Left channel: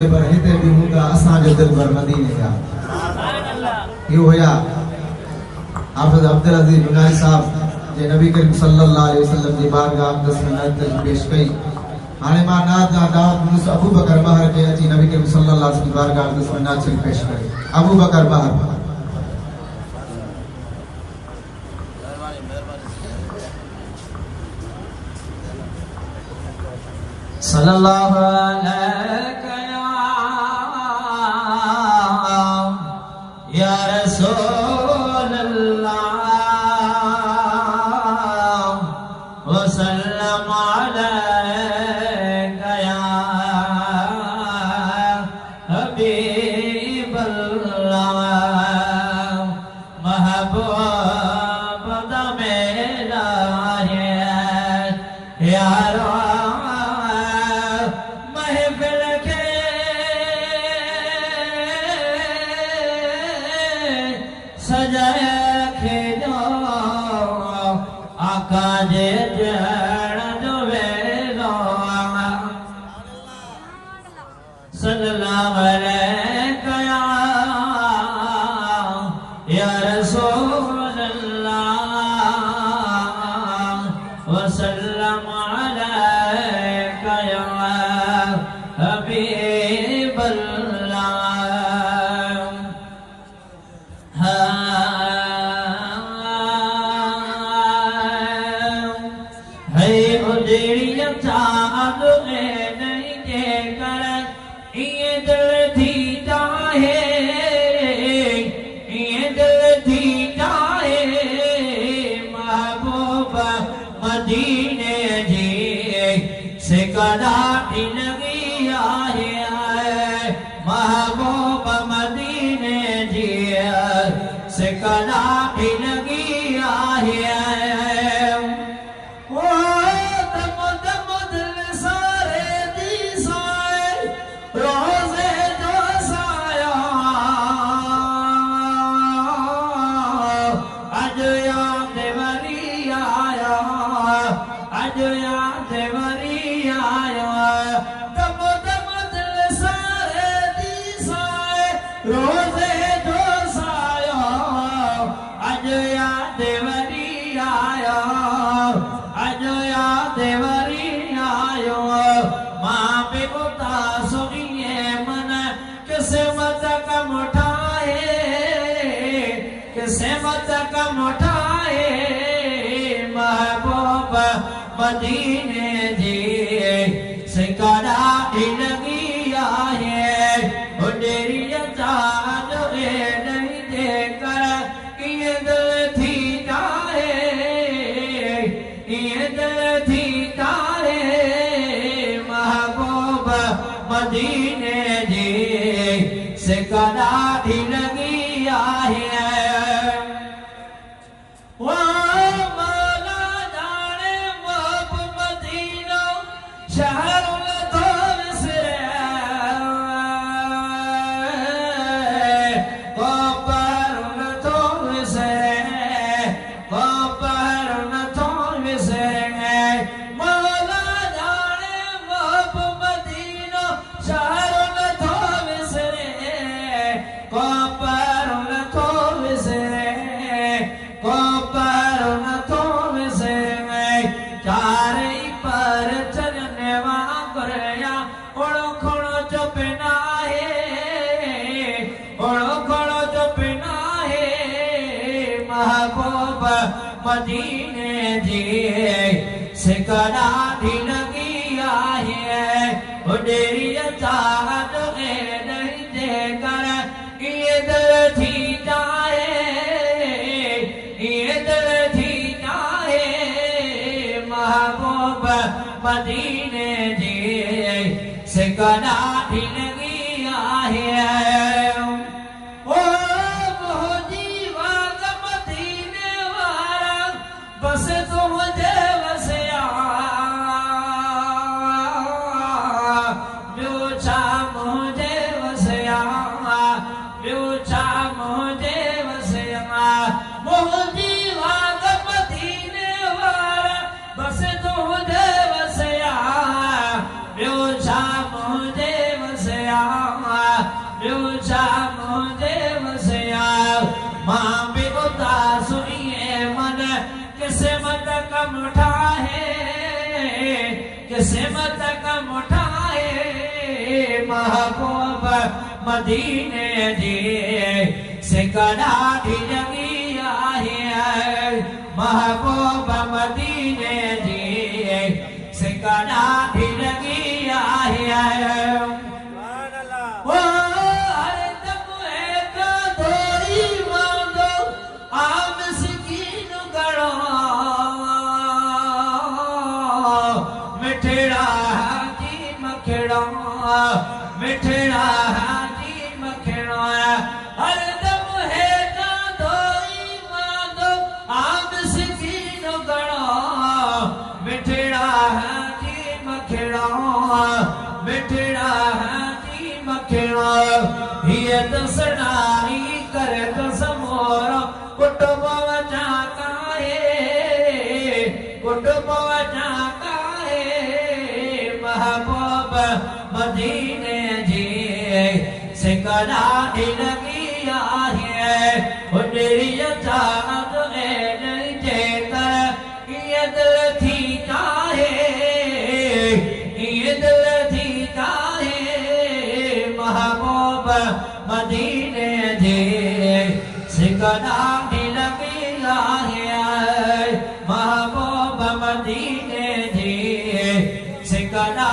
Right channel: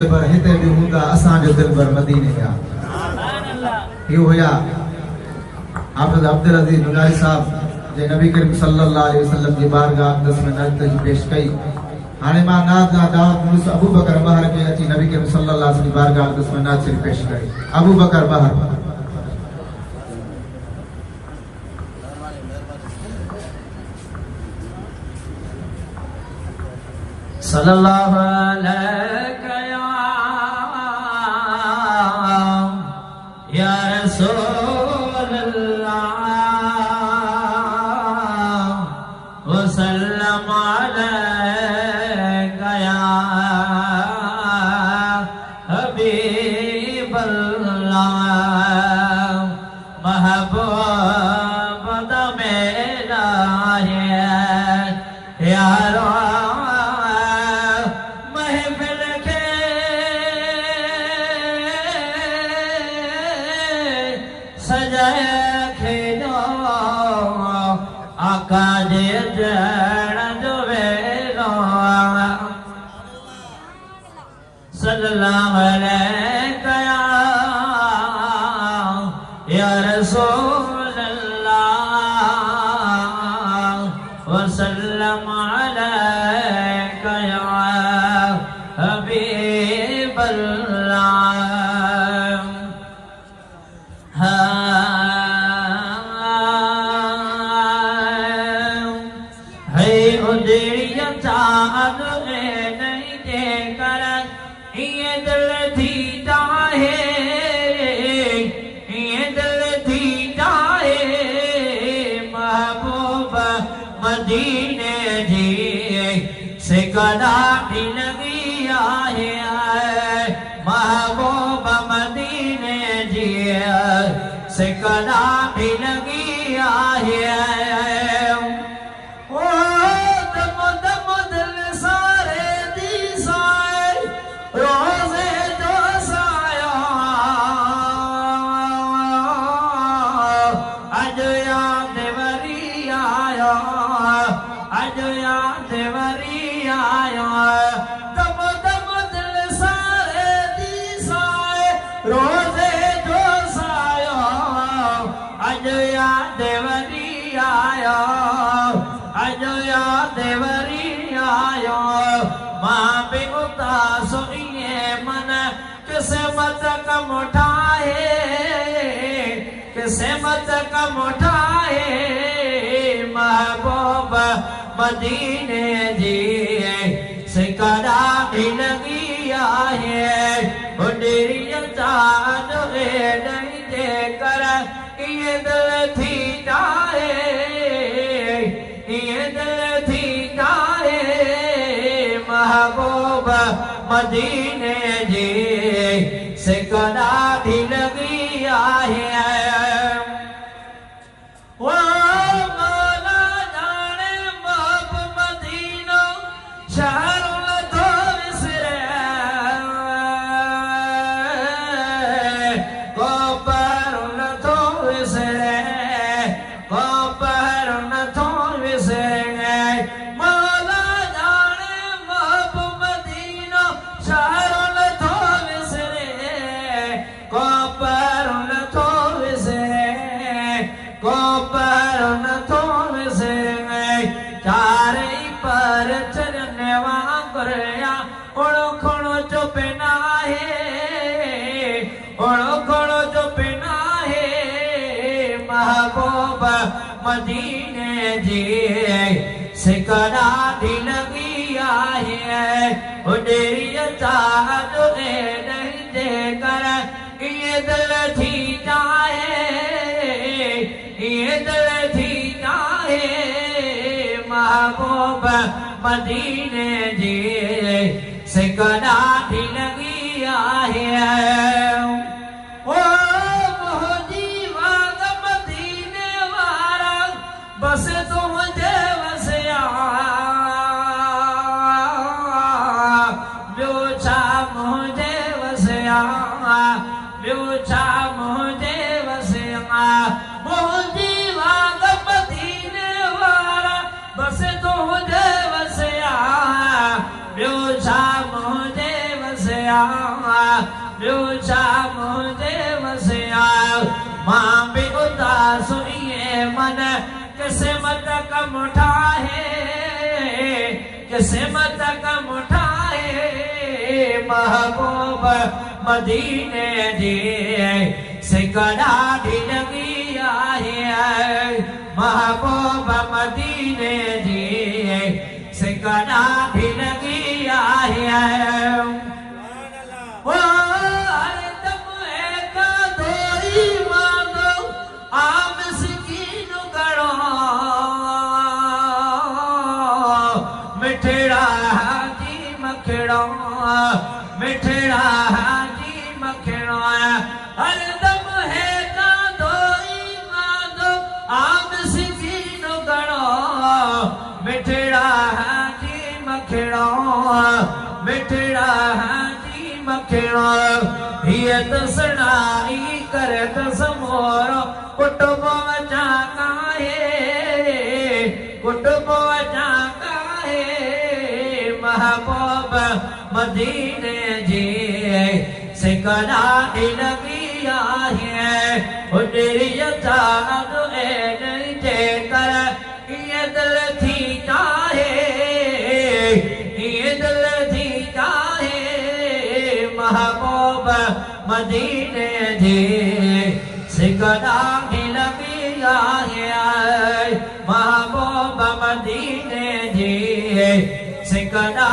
पर हिते भी हूंदा असांजो दिल पर मदीने जा इहो हुया हाफ़िज़ अब्दुल अज़ीज़ नुनाई साहब जे नबी करीम सल्लल्लाहु अलैहि वसल्लम जी बारगाह अक़दस में नात पेश कई। हाणे मां नात जा दावत मुनीस अबू बकर बहर के अची नबी करीम सल्लल्लाहु अलैहि वसल्लम जी बारगाह अक़दस में नात पेश कई। अबू बकर बहर सल्लल्लाहु अलैका या रसूल अल्लाह वसल्लम अलैका या हबीब अल्लाह महबूब मेरा है यार सल्लल्लाहु अलैका या रसूल अल्लाह वसल्लम अलैका या हबीब अल्लाह। है उजड़िया चाँद में नहीं देकर ये दिल थी चाहे ये दिल थी चाहे महबूब मदीने जी से कदापि लगी आए महबूब मदीने जी से कदापि लगी आए रोज़े जो सायो अज याद वरी आयो अज याद वरी आयो मां बि उदास इए मन किस्मत कम उठाए किस्मत कम उठाए महबूब मदीने जी से कदापि लगी आए बुढ़िया चाँद नहीं देकर ये दिल थी जाए ये दिल थी जाए महबूब मदीने जी से कदापि लगी आए वो माला जाने महबूब मदीना शहर मदीने जी से कदापि लगी आए बुढ़िया चाँद नहीं देकर ये दिल थी जाए ये दिल थी जाए महबूब मदीने जी से कदापि लगी आए बस तो मुझे वसिया ब्योचा मुझे वसिया ब्योचा मुझे वसिया मोहजी वाग मदीने वाला बस तो मुझे वसिया ब्योचा मुझे वसिया सिमत कम उठाए महबूब मदीने जी सिकड़ा लगी आहे महबूब मदीने जी सिकड़ा लगी आहे ओ हर दम एक दोरी मांगो आम सिकीन गणो मिठड़ा जी मखड़ो मिठड़ा जी मखड़ो हर दम है ना दोई मांगो आम सिकीन गणो मिठड़ा जी मखड़ो मिठड़ा जी मखड़ो ये दसनाई कर दस मोरो कुटुंब वचा काहे कुटुंब वचा महबूब मदीने जी सिकड़ा लगी आहे उजरिय चाँद जे कर ये दिल थी चाहे ये दिल थी चाहे महबूब मदीने जी सिकड़ा लगी आहे महबूब मदीने जी सिकड़ा